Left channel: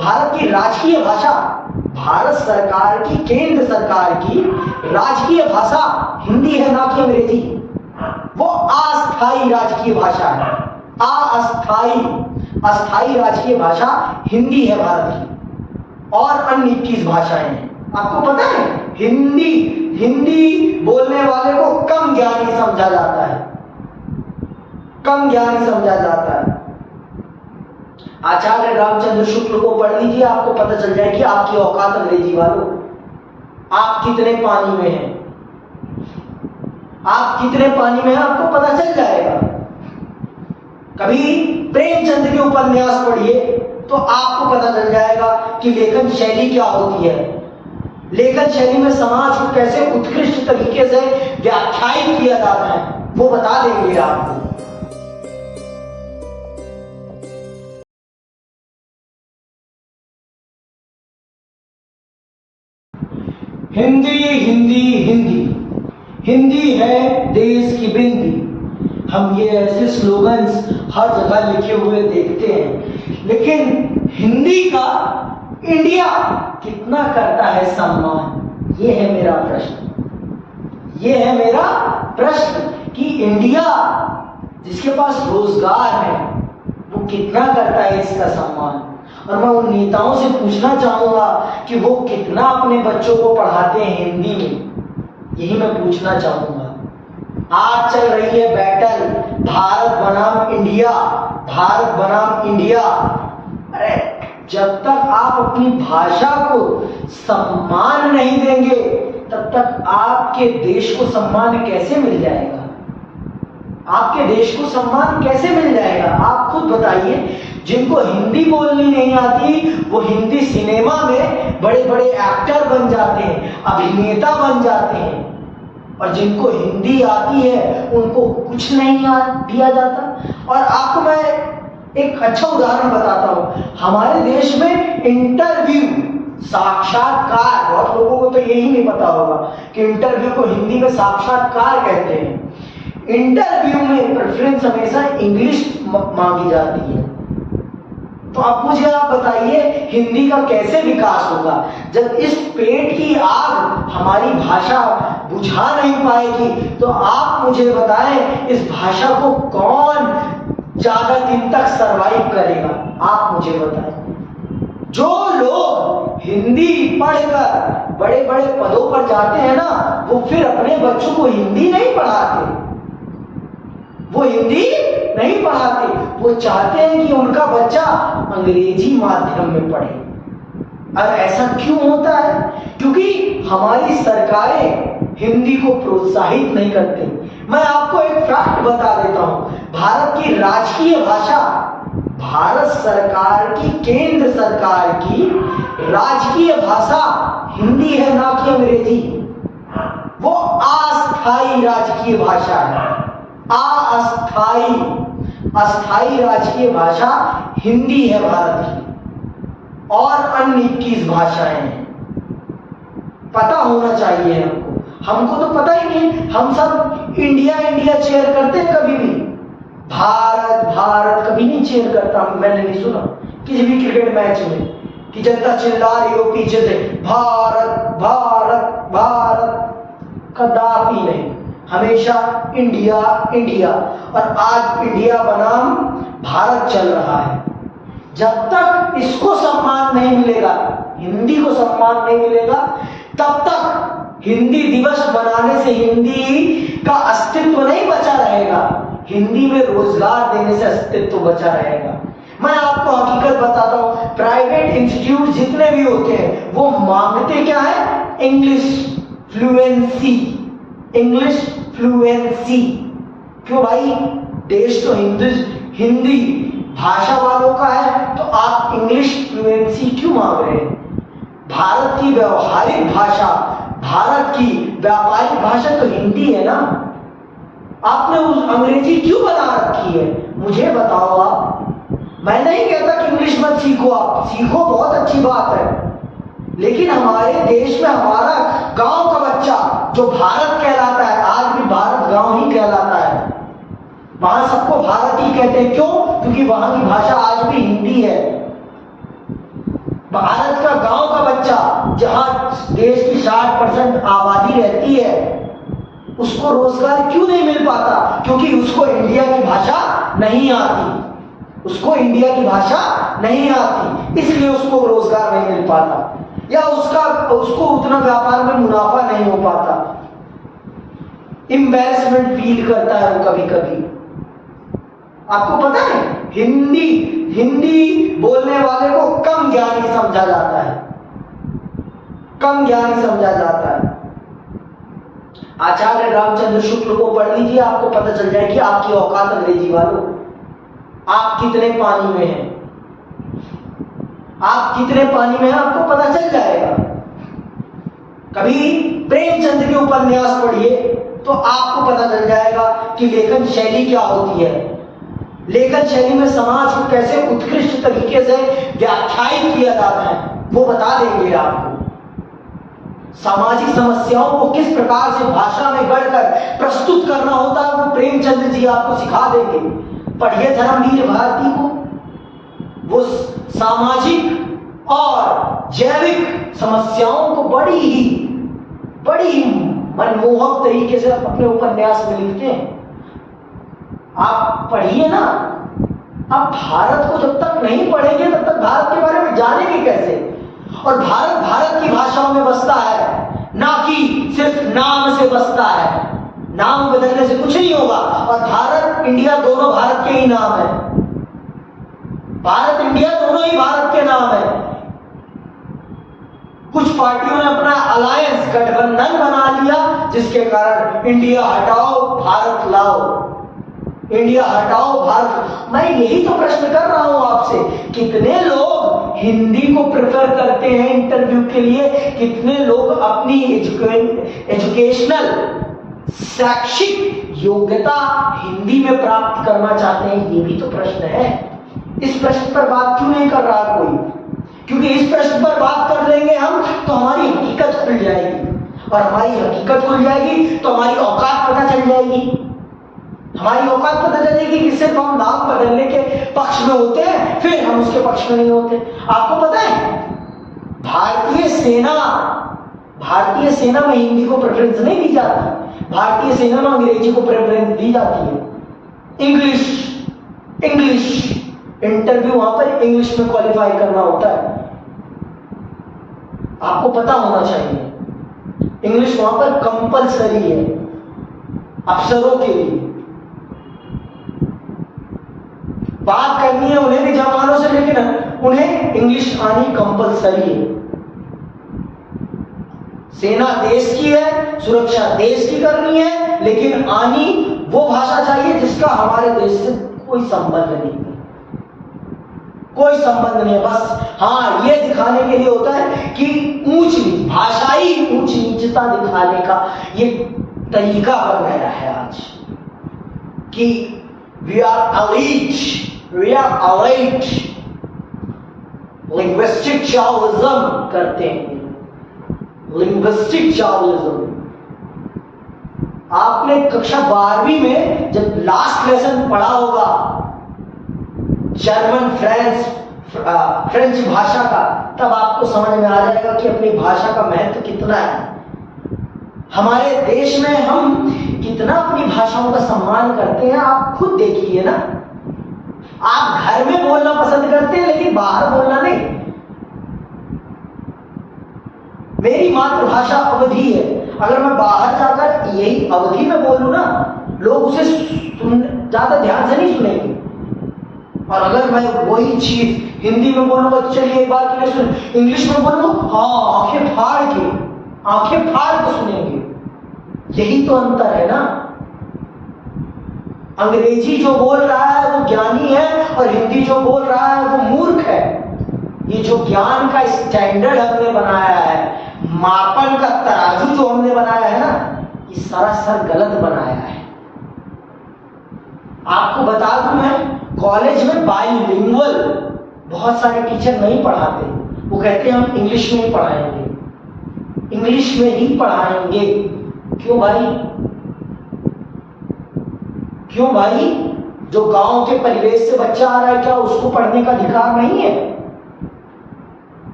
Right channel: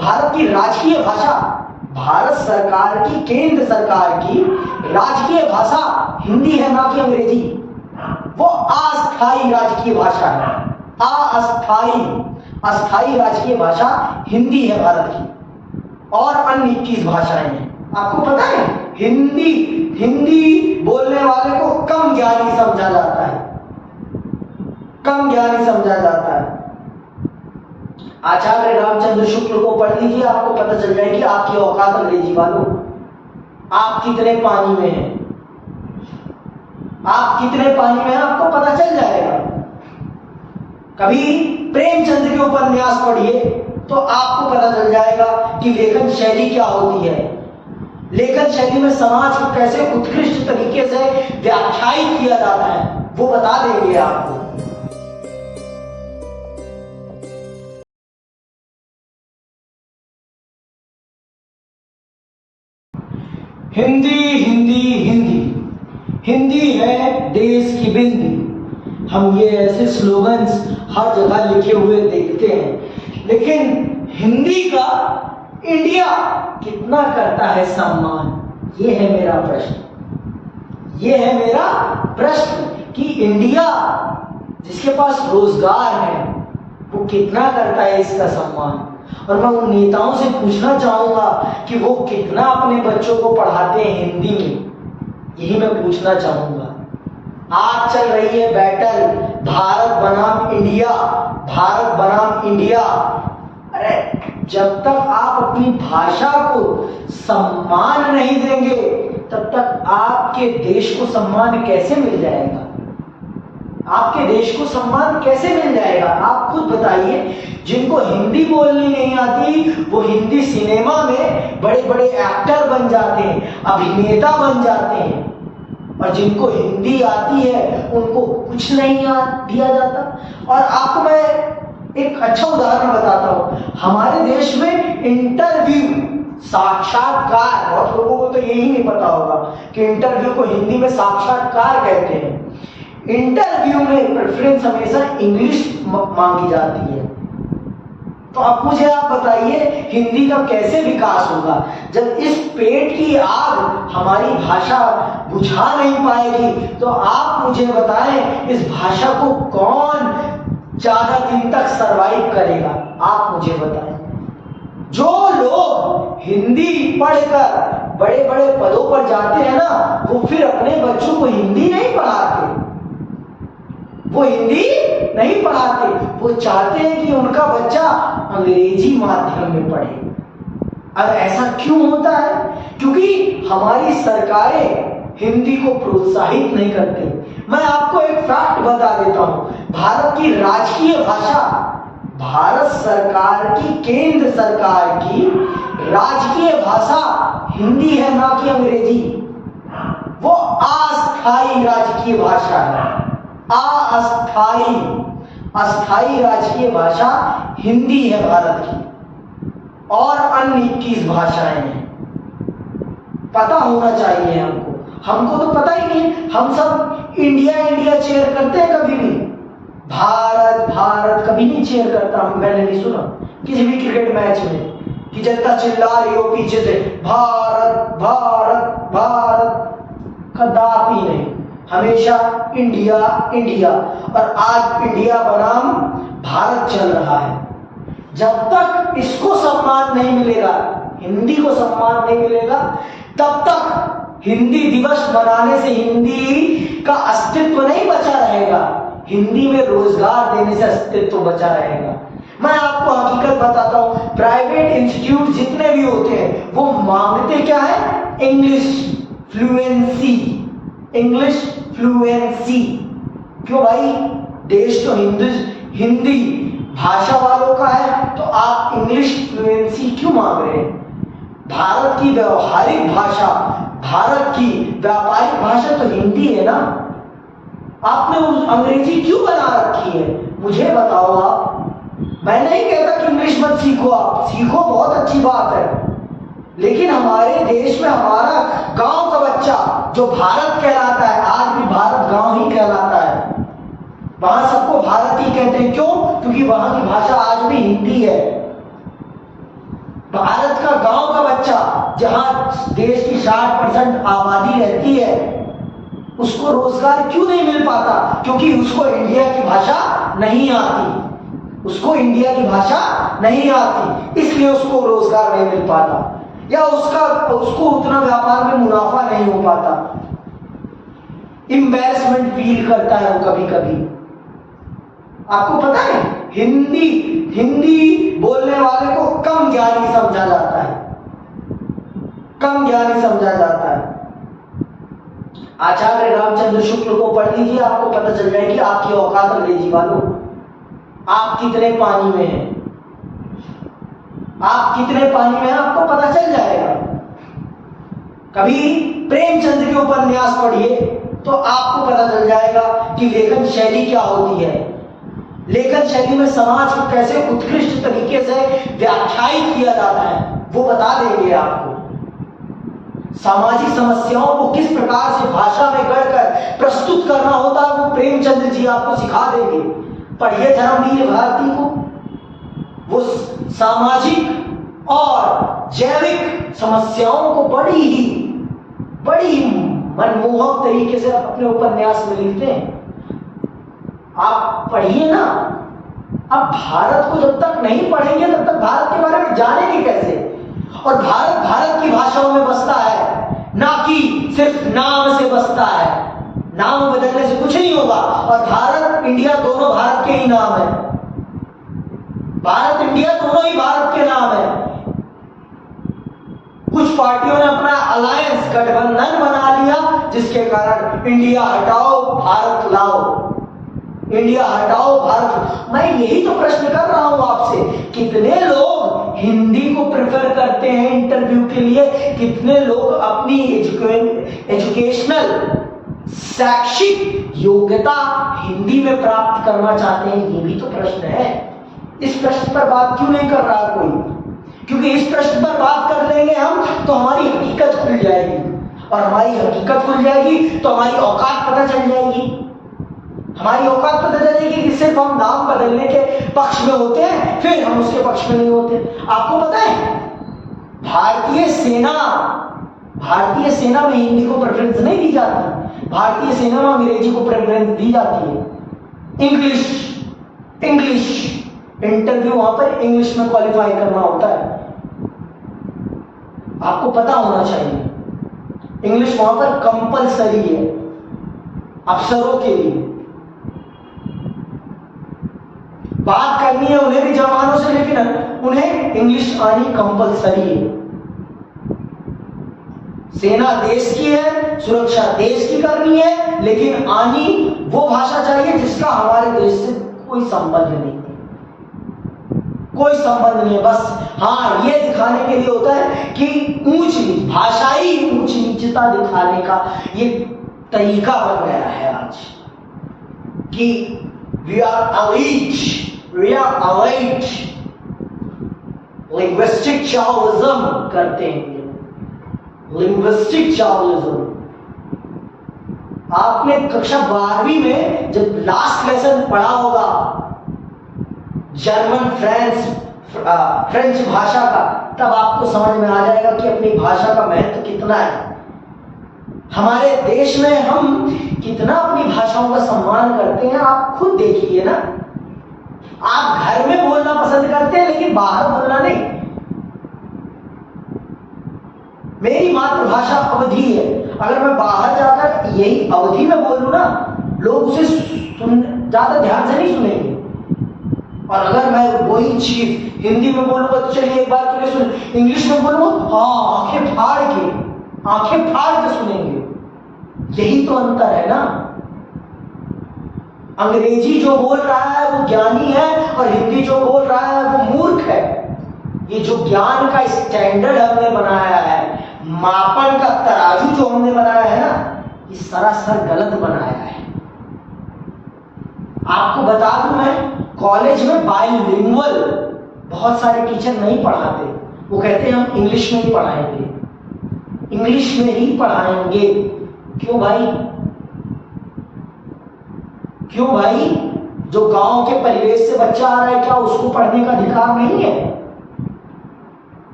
भारत की राजकीय भाषा, भारत सरकार की, केंद्र सरकार की राजकीय भाषा हिंदी है, ना कि अंग्रेजी। वो अस्थाई राजकीय भाषा है, अस्थाई राजकीय भाषा हिंदी है भारत की, और अन्य 21 भाषाएं हैं। आपको पता है हिंदी बोलने वाले को कम ज्ञानी समझा जाता है, कम ज्ञानी समझा जाता है। आचार्य रामचंद्र शुक्ल को पढ़ लीजिए, आपको पता चल जाएगी आपकी औकात अंग्रेजी वालों, आप कितने पानी में हैं, आप कितने पानी में हैं आपको पता चल जाएगा। कभी प्रेमचंद के उपन्यास पढ़िए तो आपको पता चल जाएगा कि लेखन शैली क्या होती है, लेखन शैली में समाज को कैसे उत्कृष्ट तरीके से व्याख्यायित किया जाता है, वो बता देंगे आपको। हिंदी हिंदी हिंदी, हिंदी है देश की बिंदी। हम ये ऐसे स्लोगन्स हर जगह लिखे हुए देखते हैं, लेकिन हिंदी का इंडिया कितना करता है सम्मान, ये है मेरा प्रश्न। ये है मेरा प्रश्न कि इंडिया जिसके पास रोजगार है वो कितना करता है इसका सम्मान। और मैं उन नेताओं से पूछना चाहूंगा कि वो कितना अपने बच्चों को पढ़ाते हैं हिंदी में, यही मैं पूछना चाहूंगा। आज चल रही है बैटल भारत बनाम इंडिया, भारत बनाम इंडिया। अरे जब तक आप अपनी भाषा को सम्मान नहीं देंगे तब तक आपके देश को सम्मान कैसे मिल जाएगा, आपके देश को सम्मान कैसे मिल जाएगा। आप खुद बताइए, जिनको हिंदी बोलनी नहीं आती वो हिंदी सिनेमा में बड़े बड़े एक्टर बन जाते हैं, अभिनेता बन जाते हैं, और जिनको हिंदी आती है उनको कुछ नहीं दिया जाता। और आपको मैं एक अच्छा उदाहरण बताता हूं, हमारे देश में इंटरव्यू, साक्षात्कार, बहुत लोगों को तो यही नहीं पता होगा कि इंटरव्यू को हिंदी में साक्षात्कार कहते हैं। इंटरव्यू में प्रेफरेंस हमेशा इंग्लिश मांगी जाती है। तो अब मुझे आप बताइए हिंदी का कैसे विकास होगा जब इस पेट की आग हमारी भाषा बुझा नहीं पाएगी। तो आप मुझे बताएं इस भाषा को कौन ज्यादा दिन तक सरवाइव करेगा, आप मुझे बताएं। जो लोग हिंदी पढ़कर बड़े बड़े पदों पर जाते हैं ना, वो फिर अपने बच्चों को हिंदी नहीं पढ़ाते, वो हिंदी नहीं पढ़ाते, वो चाहते हैं कि उनका बच्चा अंग्रेजी माध्यम में पढ़े। और ऐसा क्यों होता है? क्योंकि हमारी सरकारें हिंदी को प्रोत्साहित नहीं करती। मैं आपको एक फैक्ट बता देता हूं, भारत की राजकीय भाषा, भारत सरकार की, केंद्र सरकार की राजकीय भाषा हिंदी है, ना कि अंग्रेजी। वो अस्थाई राजकीय भाषा है, अस्थाई राजकीय भाषा हिंदी है भारत की, और अन्य 21 भाषाएं हैं। पता होना चाहिए हमको, हमको तो पता ही नहीं। हम सब इंडिया इंडिया चेयर करते हैं, कभी भी भारत भारत कभी नहीं चेयर करता। मैंने नहीं सुना किसी भी क्रिकेट मैच में कि जनता चिल्ला रही हो पीछे से भारत भारत भारत, कदापि नहीं, हमेशा इंडिया इंडिया। और आज इंडिया बनाम भारत चल रहा है। जब तक इसको सम्मान नहीं मिलेगा, हिंदी को सम्मान नहीं मिलेगा, तब तक हिंदी दिवस मनाने से हिंदी का अस्तित्व नहीं बचा रहेगा, हिंदी में रोजगार देने से अस्तित्व बचा रहेगा। मैं आपको हकीकत बताता हूं, प्राइवेट इंस्टीट्यूट जितने भी होते हैं वो मांगते क्या है? English fluency, English fluency. क्यों भाई, देश तो हिंदी भाषा वालों का है, तो आप इंग्लिश फ्लुएंसी क्यों मांग रहे हैं? भारत की व्यवहारिक भाषा, भारत की व्यापारिक भाषा तो हिंदी है ना। आपने उस अंग्रेजी क्यों बना रखी है? मुझे बताओ आप। मैं नहीं कहता कि इंग्लिश मत सीखो, आप सीखो, बहुत अच्छी बात है, लेकिन हमारे देश में हमारा गांव का बच्चा जो भारत कहलाता है, आज भी भारत गांव ही कहलाता है, वहां सबको भारत ही कहते हैं। क्यों? क्योंकि वहां की भाषा आज भी हिंदी है। भारत का गांव का बच्चा जहां देश की 60% आबादी रहती है, उसको रोजगार क्यों नहीं मिल पाता? क्योंकि उसको इंडिया की भाषा नहीं आती, उसको इंडिया की भाषा नहीं आती, इसलिए उसको रोजगार नहीं मिल पाता, या उसको उतना व्यापार में मुनाफा नहीं हो पाता, एम्बैरेसमेंट फील करता है वो कभी कभी। आपको पता है हिंदी बोलने वाले को कम ज्ञानी समझा जाता है, कम ज्ञानी समझा जाता है। आचार्य रामचंद्र शुक्ल को पढ़ लीजिए, आपको पता चल जाएगी आपकी औकात अंग्रेजी वालों, आप कितने पानी में हैं, आप कितने पानी में हैं आपको पता चल जाएगा। कभी प्रेमचंद के उपन्यास पढ़िए तो आपको पता चल जाएगा कि लेखन शैली क्या होती है, लेखन शैली में समाज को कैसे उत्कृष्ट तरीके से व्याख्यायित किया जाता है, वो बता देंगे आपको। सामाजिक समस्याओं को किस प्रकार से भाषा में गढ़कर प्रस्तुत करना होता है, वो प्रेमचंद्र जी आपको सिखा देंगे। पढ़िए धर्मवीर भारती को, वो सामाजिक और जैविक समस्याओं को बड़ी मनमोहक तरीके से अपने उपन्यास में लिखते हैं। आप पढ़िए ना। अब भारत को जब तक नहीं पढ़ेंगे तब तक भारत के बारे में जानेंगे कैसे? और भारत की भाषाओं में बसता है, ना कि सिर्फ नाम से बसता है। नाम बदलने से कुछ नहीं होगा। और भारत इंडिया दोनों भारत के ही नाम है, भारत इंडिया दोनों ही भारत के नाम है। कुछ पार्टियों ने अपना अलायंस गठबंधन बना लिया, जिसके कारण इंडिया हटाओ भारत लाओ, इंडिया हटाओ भारत। मैं यही तो प्रश्न कर रहा हूं आपसे, कितने लोग हिंदी को प्रेफर करते हैं इंटरव्यू के लिए, कितने लोग अपनी एजुकेशनल शैक्षिक योग्यता हिंदी में प्राप्त करना चाहते हैं, ये भी तो प्रश्न है। इस प्रश्न पर बात क्यों नहीं कर रहा कोई? क्योंकि इस प्रश्न पर बात कर लेंगे हम तो हमारी हकीकत खुल जाएगी, और हमारी हकीकत खुल जाएगी तो हमारी औकात पता चल जाएगी। हमारी औकात पता चलेगी कि सिर्फ हम नाम बदलने के पक्ष में होते हैं, फिर हम उसके पक्ष में नहीं होते। आपको पता है भारतीय सेना में हिंदी को प्रेफरेंस नहीं दी जाती, भारतीय सेना में अंग्रेजी को प्रेफरेंस दी जाती है। इंग्लिश इंटरव्यू वहां पर इंग्लिश में क्वालिफाई करना होता है, आपको पता होना चाहिए। इंग्लिश वहां पर कंपलसरी है अफसरों के लिए। बात करनी है उन्हें भी जवानों से, लेकिन उन्हें इंग्लिश आनी कंपलसरी है। सेना देश की है, सुरक्षा देश की करनी है, लेकिन आनी वो भाषा चाहिए जिसका हमारे देश से कोई संबंध नहीं है, कोई संबंध नहीं है। बस हाँ, ये दिखाने के लिए होता है कि ऊंच नीच, भाषाई ऊंच नीचता दिखाने का ये तरीका बन गया है आज, कि we are elite, linguistic chauvalism करते हैं, linguistic chauvalism। आपने कक्षा 12वीं में जब लास्ट लेसन पढ़ा होगा जर्मन फ्रेंच भाषा का, तब आपको समझ में आ जाएगा कि अपनी भाषा का महत्व कितना है। हमारे देश में हम कितना अपनी भाषाओं का सम्मान करते हैं, आप खुद देखिए ना। आप घर में बोलना पसंद करते हैं, लेकिन बाहर बोलना नहीं। मेरी मातृभाषा अवधी है, अगर मैं बाहर जाकर यही अवधी में बोलूं ना, लोग उसे ज्यादा ध्यान से नहीं सुनेंगे। और अगर मैं वही चीज हिंदी में बोलूंगा तो चलिए एक बार के लिए सुन, इंग्लिश में बोलूंगा हाँ आंखें फाड़ के सुनेंगे। यही तो अंतर है ना। अंग्रेजी जो बोल रहा है वो ज्ञानी है, और हिंदी जो बोल रहा है वो मूर्ख है। ये जो ज्ञान का स्टैंडर्ड हमने बनाया है, मापन का तराजू जो हमने बनाया है ना, ये सरासर गलत बनाया है। आपको बता दूं, मैं कॉलेज में बाइलिंगुअल बहुत सारे टीचर नहीं पढ़ाते। वो कहते हैं हम इंग्लिश में ही पढ़ाएंगे, इंग्लिश में ही पढ़ाएंगे। क्यों भाई? जो गांव के परिवेश से बच्चा आ रहा है, क्या उसको पढ़ने का अधिकार नहीं है?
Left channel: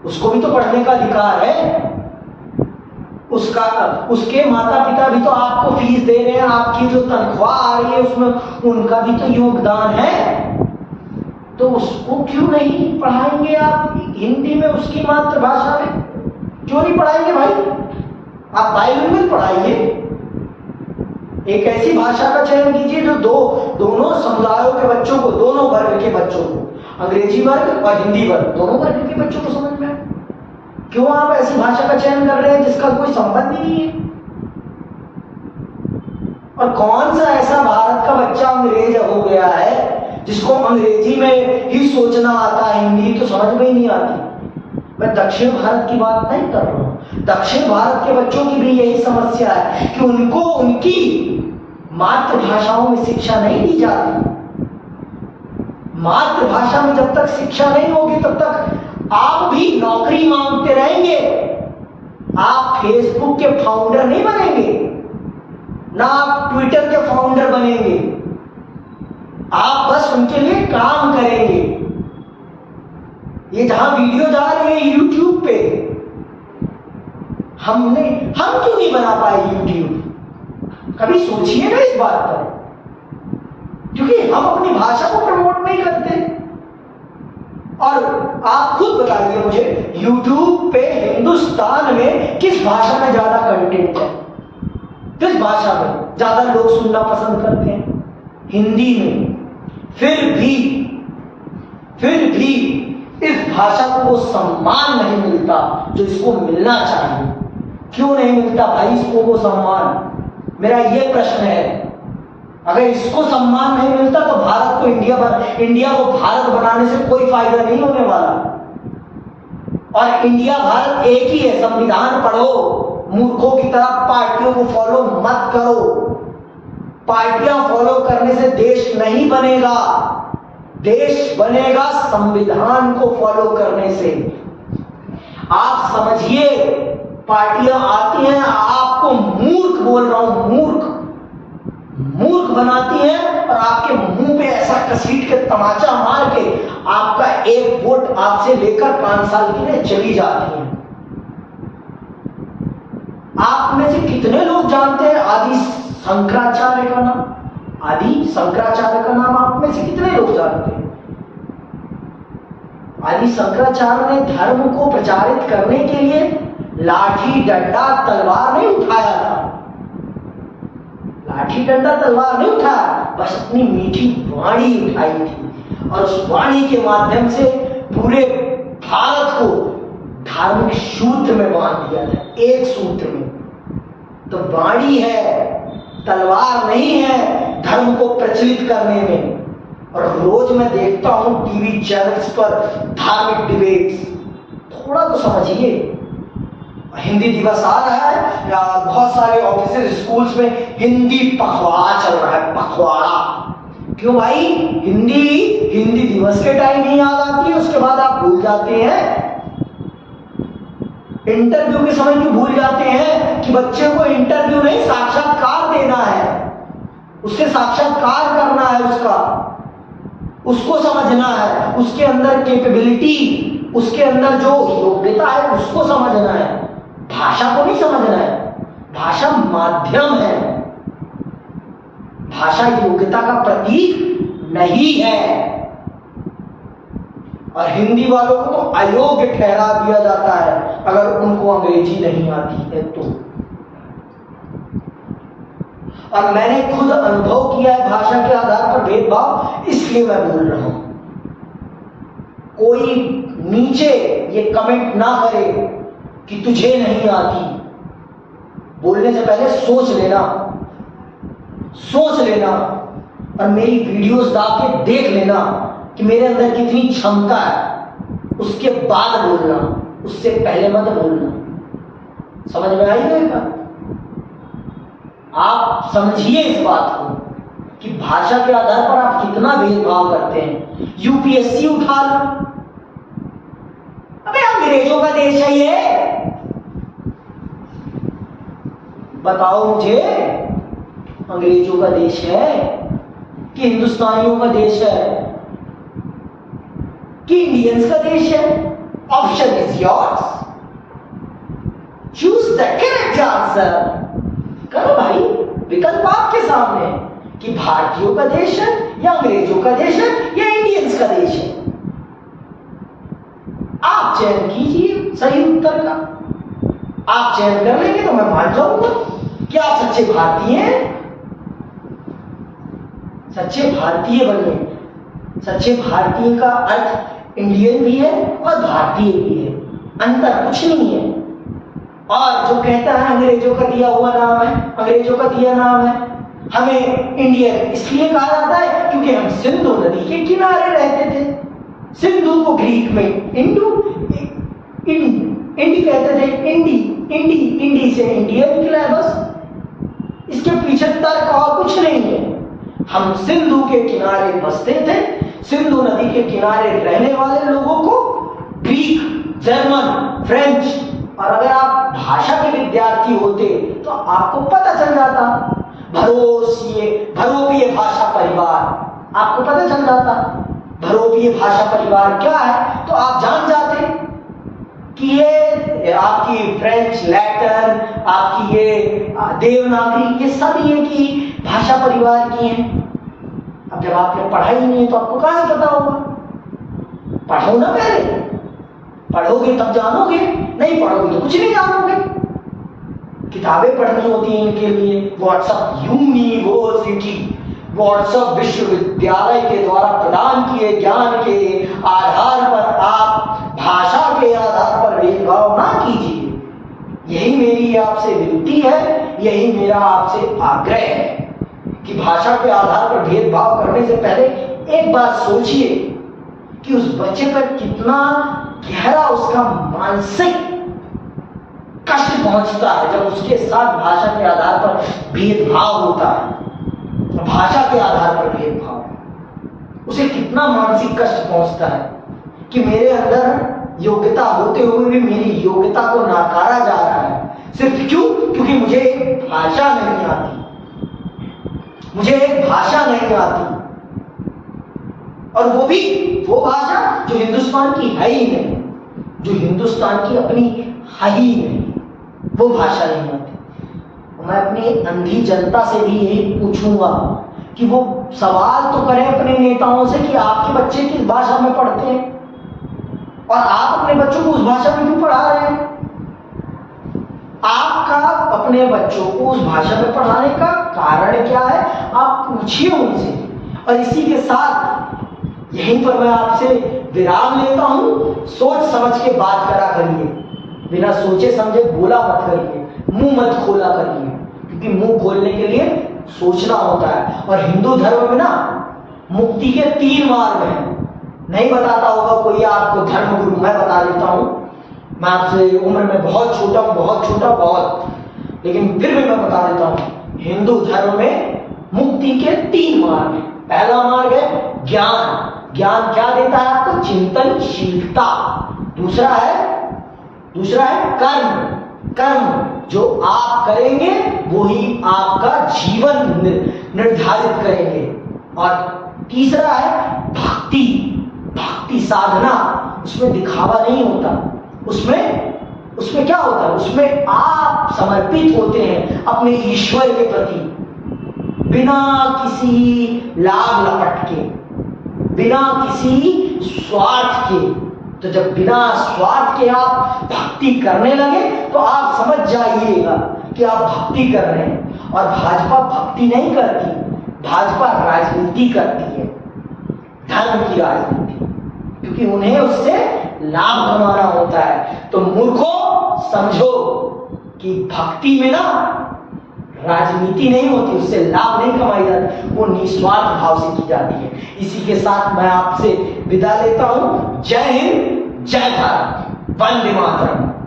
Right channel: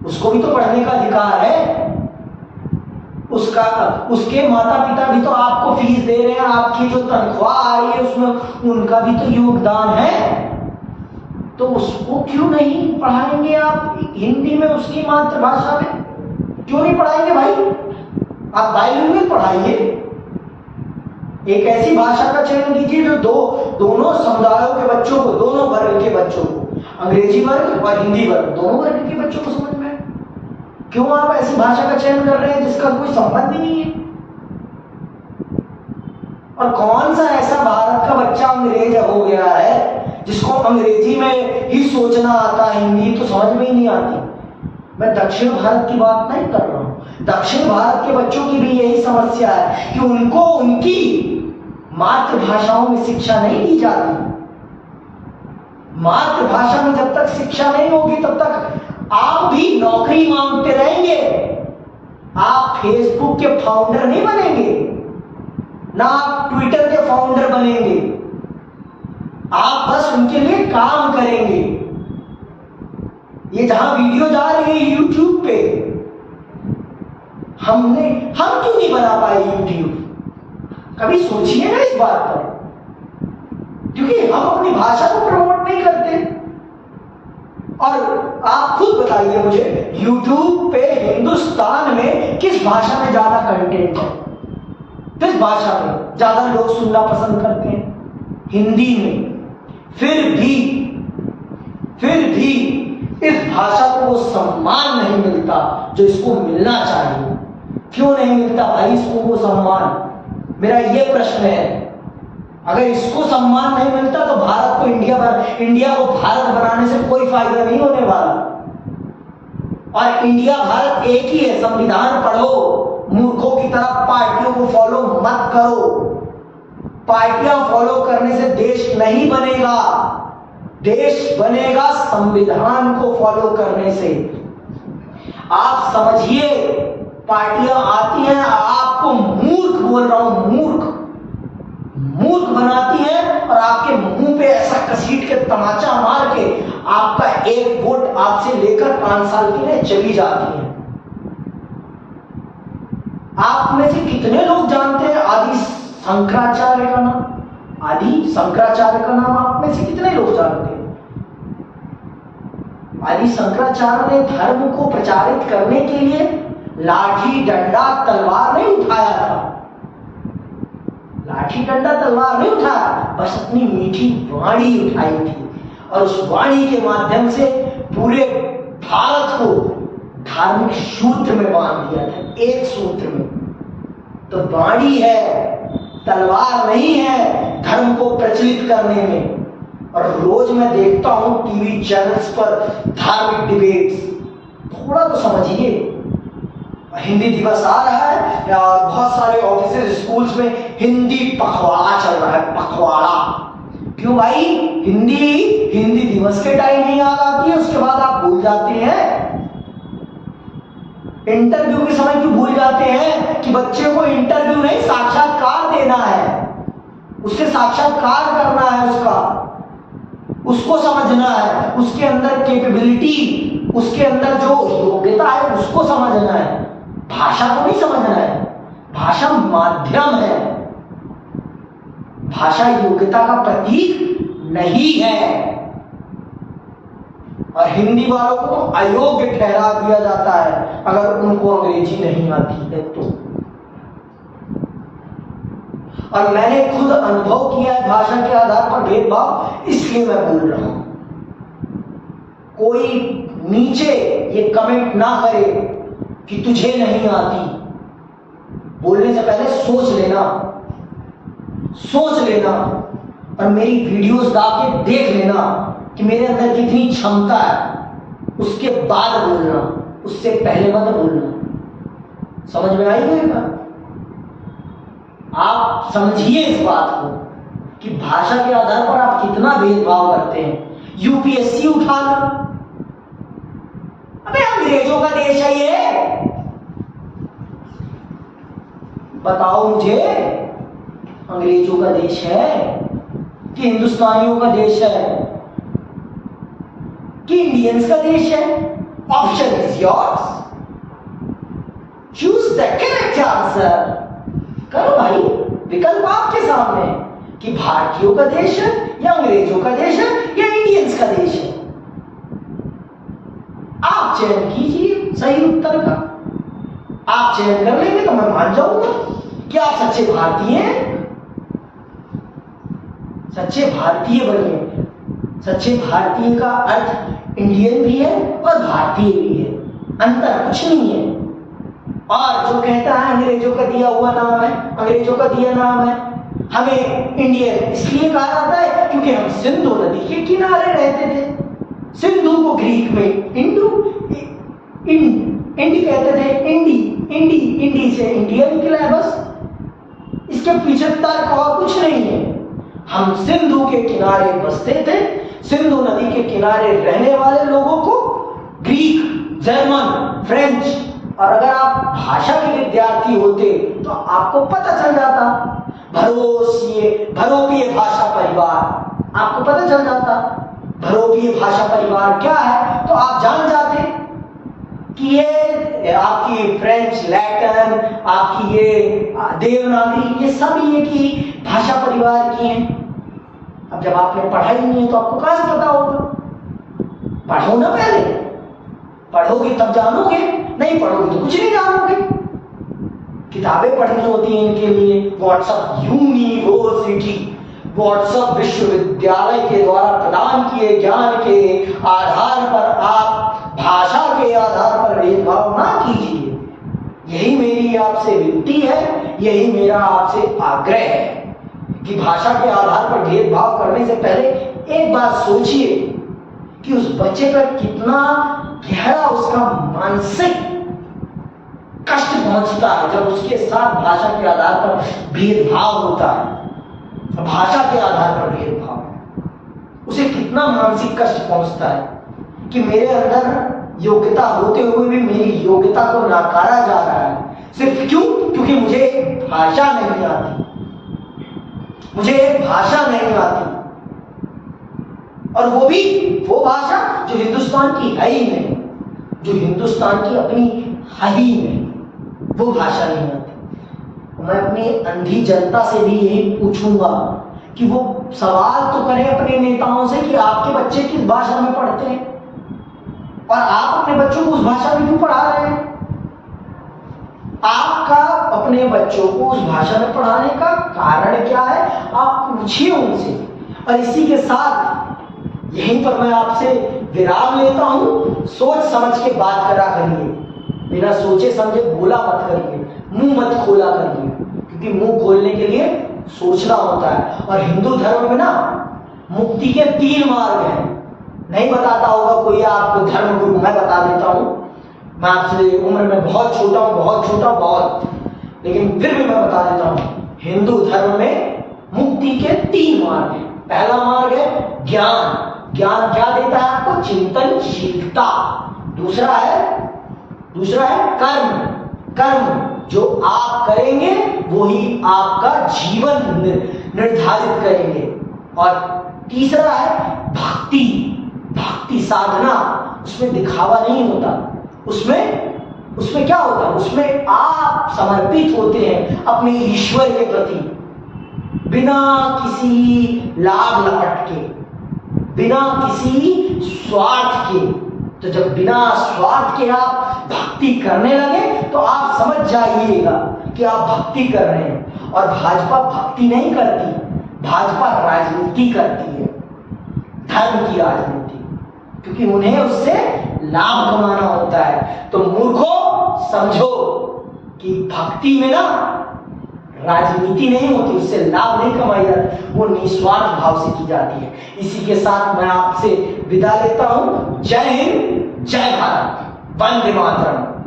उसको भी तो पढ़ने का अधिकार है। उसके माता पिता भी तो आपको फीस दे रहे हैं, आपकी जो तनख्वाह आ रही है उसमें उनका भी तो योगदान है। तो उसको क्यों नहीं पढ़ाएंगे आप हिंदी में, उसकी मातृभाषा में क्यों नहीं पढ़ाएंगे भाई? आप बाइलिंगुअल पढ़ाइए। एक ऐसी भाषा का चयन कीजिए जो दोनों समुदायों के बच्चों को, दोनों वर्ग के बच्चों को, अंग्रेजी वर्ग और हिंदी वर्ग, दोनों वर्ग के बच्चों को समझ में आए। क्यों आप ऐसी भाषा का चयन कर रहे हैं जिसका कोई संबंध ही नहीं है? और कौन सा ऐसा भारत का बच्चा अंग्रेज हो गया है जिसको अंग्रेजी में ही सोचना आता है, हिंदी तो समझ में ही नहीं आती? मैं दक्षिण भारत की बात नहीं कर रहा हूं। दक्षिण भारत के बच्चों की भी यही समस्या है कि उनको उनकी मातृभाषाओं में शिक्षा नहीं दी जाती। मातृभाषा में जब तक शिक्षा नहीं होगी तब तक आप भी नौकरी मांगते रहेंगे। आप फेसबुक के फाउंडर नहीं बनेंगे, ना आप ट्विटर के फाउंडर बनेंगे। आप बस उनके लिए काम करेंगे। ये जहां वीडियो जा रही है यूट्यूब पे, हम क्यों नहीं बना पाए यूट्यूब? कभी सोचिए ना इस बात पर, क्योंकि हम अपनी भाषा को प्रमोट नहीं करते। और आप खुद बताइए मुझे, यूट्यूब पे हिंदुस्तान में किस भाषा में ज्यादा कंटेंट है? किस भाषा में ज्यादा लोग सुनना पसंद करते हैं? हिंदी में। फिर भी इस भाषा को वो सम्मान नहीं मिलता जो इसको मिलना चाहिए। क्यों नहीं मिलता भाई इसको वो सम्मान? मेरा ये प्रश्न है। अगर इसको सम्मान नहीं मिलता तो भारत को इंडिया को भारत बनाने से कोई फायदा नहीं होने वाला। और इंडिया भारत एक ही है। संविधान पढ़ो, मूर्खों की तरह पार्टियों को फॉलो मत करो। पार्टियां फॉलो करने से देश नहीं बनेगा। देश बनेगा संविधान को फॉलो करने से। आप समझिए, पार्टियां आती हैं, आपको मूर्ख बोल रहा हूं, मूर्ख बनाती हैं और आपके मुंह पे ऐसा कसीट के तमाचा मार के आपका एक वोट आपसे लेकर 5 साल के लिए चली जाती है। आप में से कितने लोग जानते हैं आदि शंकराचार्य का नाम? आदि शंकराचार्य का नाम आप में से कितने लोग जानते हैं? आदि शंकराचार्य ने धर्म को प्रचारित करने के लिए लाठी डंडा तलवार नहीं उठाया था। लाठी डंडा तलवार नहीं उठाया, बस अपनी मीठी वाणी उठाई थी। और उस वाणी के माध्यम से पूरे भारत को धार्मिक सूत्र में बांध दिया था, एक सूत्र में। तो वाणी है, तलवार नहीं है धर्म को प्रचलित करने में। और रोज मैं देखता हूं टीवी चैनल्स पर धार्मिक डिबेट्स। थोड़ा तो समझिए, हिंदी दिवस आ रहा है, बहुत सारे ऑफिसेज स्कूल्स में हिंदी पखवाड़ा चल रहा है। पखवाड़ा क्यों भाई? हिंदी दिवस के टाइम ही याद आती है, उसके बाद आप भूल जाते हैं। इंटरव्यू के समय क्यों भूल जाते हैं कि बच्चे को इंटरव्यू नहीं साक्षात्कार देना है, उससे साक्षात्कार करना है, उसको समझना है, उसके अंदर कैपेबिलिटी, उसके अंदर जो योग्यता है उसको समझना है, भाषा को नहीं समझना है। भाषा माध्यम है, भाषा योग्यता का प्रतीक नहीं है। और हिंदी वालों को तो अयोग्य ठहरा दिया जाता है अगर उनको अंग्रेजी नहीं आती है तो। और मैंने खुद अनुभव किया है भाषा के आधार पर भेदभाव, इसलिए मैं बोल रहा हूं। कोई नीचे ये कमेंट ना करे कि तुझे नहीं आती। बोलने से पहले सोच लेना और मेरी वीडियोस डाल के देख लेना कि मेरे अंदर कितनी क्षमता है, उसके बाद बोलना, उससे पहले मत बोलना। समझ में आई मेरी बात? आप समझिए इस बात को कि भाषा के आधार पर आप कितना भेदभाव करते हैं। यूपीएससी उठा लो, अबे अंग्रेजों का देश है ये। बताओ मुझे, अंग्रेजों का देश है कि हिंदुस्तानियों का देश है कि इंडियंस का देश है? Option is yours, choose the correct answer. करो भाई, विकल्प आपके सामने कि भारतीयों का देश है या अंग्रेजों का देश है या इंडियंस का देश है। आप चयन कीजिए सही उत्तर का। आप चयन कर लेंगे तो मैं मान जाऊंगा कि आप सच्चे भारतीय हैं। सच्चे भारतीय बनिए। सच्चे भारतीय का अर्थ इंडियन भी है और भारतीय भी है, अंतर कुछ नहीं है। और जो कहता है अंग्रेजों का दिया हुआ नाम है, अंग्रेजों का दिया नाम है, हमें इंडियन इसलिए कहा जाता है क्योंकि हम सिंधु नदी के किनारे रहते थे। सिंधु को ग्रीक में इंडी कहते थे, इंडी से इंडिया निकला है बस। इसके पीछे तर्क और कुछ नहीं है। हम सिंधु के किनारे बसते थे, सिंधु नदी के किनारे रहने वाले लोगों को ग्रीक, जर्मन, फ्रेंच, और अगर आप भाषा के विद्यार्थी होते तो आपको पता चल जाता भरोवीय भाषा परिवार, आपको पता चल जाता भरोवीय भाषा परिवार क्या है, तो आप जान जाते कि ये आपकी फ्रेंच, लैटिन, आपकी ये देवनागरी, ये सब ये की भाषा परिवार की हैं। अब जब आपने पढ़ाई नहीं है तो आपको कहां से पता होगा? पढ़ो ना, पहले पढ़ोगे तब जानोगे, नहीं पढ़ोगे तो कुछ नहीं जानोगे। किताबें पढ़नी होती हैं इनके लिए। व्हाट्सएप यूनिवर्सिटी, व्हाट्सएप विश्वविद्यालय के द्वारा प्रदान किए ज्ञान के आधार पर आप भाषा के आधार पर भेदभाव ना कीजिए। यही मेरी आपसे विनती है, यही मेरा आपसे आग्रह है कि भाषा के आधार पर भेदभाव करने से पहले एक बात सोचिए कि उस बच्चे पर कितना गहरा उसका मानसिक कष्ट पहुंचता है जब उसके साथ भाषा के आधार पर भेदभाव होता है। भाषा के आधार पर भेदभाव, उसे कितना मानसिक कष्ट पहुंचता है कि मेरे अंदर योग्यता होते हुए भी मेरी योग्यता को नकारा जा रहा है। सिर्फ क्यों? क्योंकि मुझे एक भाषा नहीं आती, मुझे एक भाषा नहीं आती, और वो भाषा जो हिंदुस्तान की है ही नहीं, जो हिंदुस्तान की अपनी है ही नहीं, वो भाषा नहीं आती। मैं अपनी अंधी जनता से भी यही पूछूंगा कि वो सवाल तो करें अपने नेताओं से कि आपके बच्चे किस भाषा में पढ़ते हैं और आप अपने बच्चों को उस भाषा में क्यों पढ़ा रहे हैं। आपका अपने बच्चों को उस भाषा में पढ़ाने का कारण क्या है, आप पूछिए उनसे। और इसी के साथ यहीं पर मैं आपसे विराम लेता हूं। सोच समझ के बात करा करिए, बिना सोचे समझे बोला मत करिए, मुंह मत खोला करिए, क्योंकि मुंह खोलने के लिए सोचना होता है। और हिंदू धर्म में ना मुक्ति के 3 मार्ग हैं। नहीं बताता होगा कोई आपको धर्म गुरु, मैं बता देता हूं। मैं आपसे उम्र में बहुत छोटा हूं, बहुत, लेकिन फिर भी मैं बता देता हूं। हिंदू धर्म में मुक्ति के 3 मार्ग हैं। पहला मार्ग है ज्ञान। ज्ञान क्या देता है आपको? चिंतनशीलता। दूसरा है कर्म जो आप करेंगे वो ही आपका जीवन निर्धारित करेंगे। और तीसरा है भक्ति साधना। उसमें दिखावा नहीं होता, उसमें क्या होता है? उसमें आप समर्पित होते हैं अपने ईश्वर के प्रति, बिना किसी लाभ लपट के, बिना किसी स्वार्थ के। तो जब बिना स्वार्थ के आप भक्ति करने लगे तो आप समझ जाइएगा कि आप भक्ति कर रहे हैं। और भाजपा भक्ति नहीं करती, भाजपा राजनीति करती है, धर्म की राजनीति, क्योंकि उन्हें उससे लाभ कमाना होता है। तो मूर्खों, समझो कि भक्ति में ना राजनीति नहीं होती, उससे लाभ नहीं कमाई जाती, वो निस्वार्थ भाव से की जाती है। इसी के साथ मैं आपसे विदा लेता हूं। जय हिंद, जय भारत, वंदे मातरम।